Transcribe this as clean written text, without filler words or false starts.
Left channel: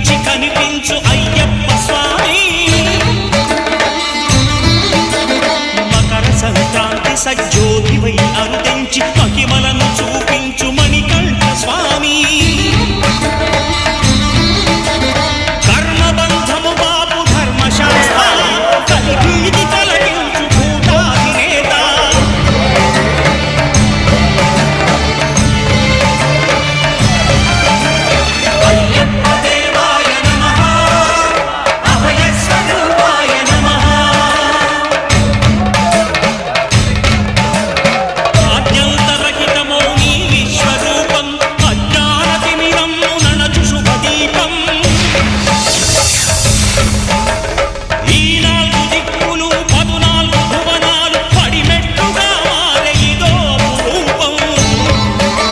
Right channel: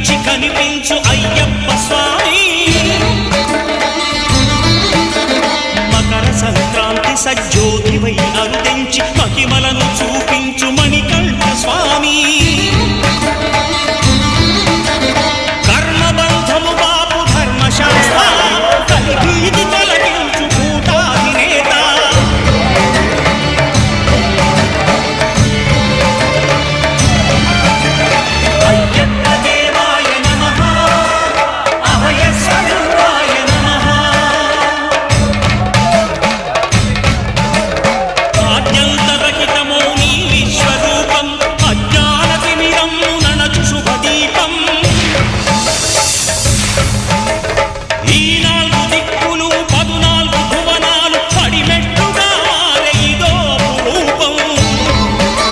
కనిపించి కనిపించు అయ్యప్ప స్వామి మకర సంక్రాంతి సజ్జోతివై అరుదెంచి మహిమలను చూపించు మణికంఠ స్వామి